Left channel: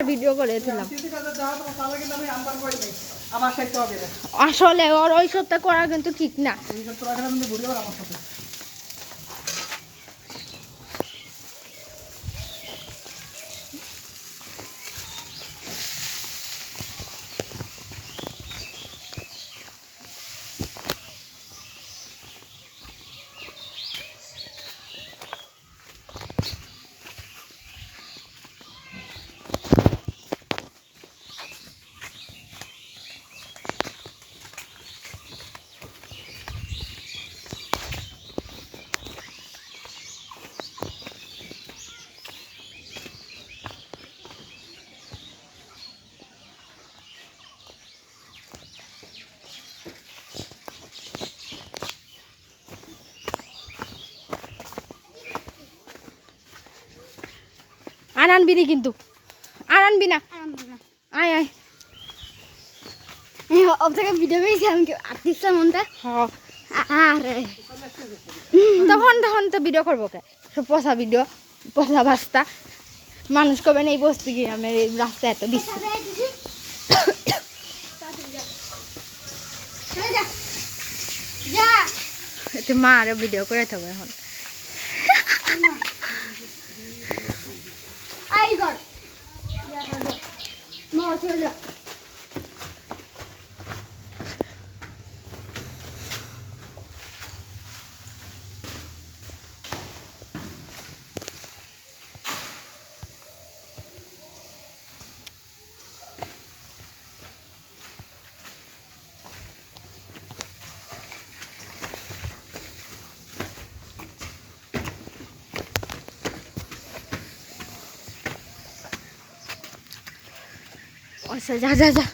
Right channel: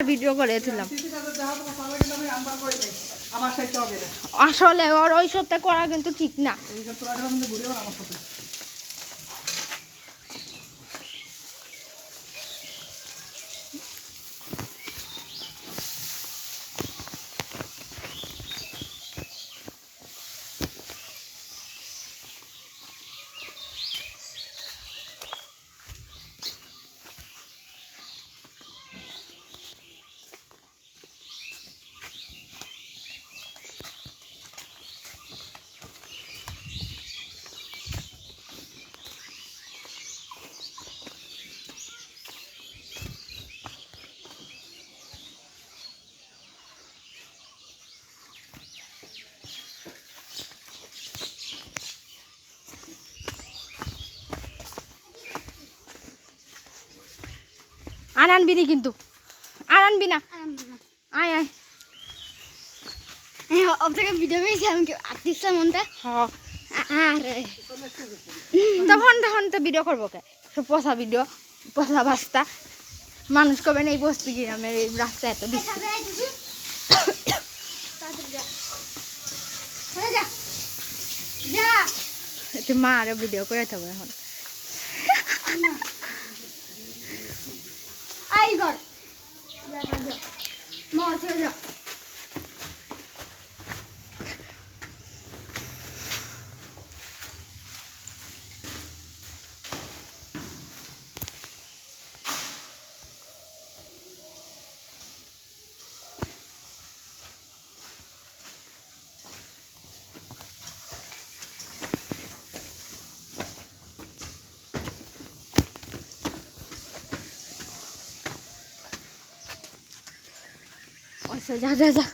Video করেছিলাম আসলে ওর ওই সবটা করা কিন্তু ঠিক না। আর আনবি না কিন্তু, আর আনবি না, আয় আয় আপনাকে ভিডিও করেছি আমি আর্টিস্ট মনটা আরে তখন তখন তো ভিডিও করবো কে সব পচা ভিডিও পচা বাস্তা মানুষ কবে না এই বসতে গিয়ে আমরা এই রাস্তায় এত দিচ্ছি এতে মা আরো ভিডিও করে থাকবো এখন আচ্ছা যা যা যা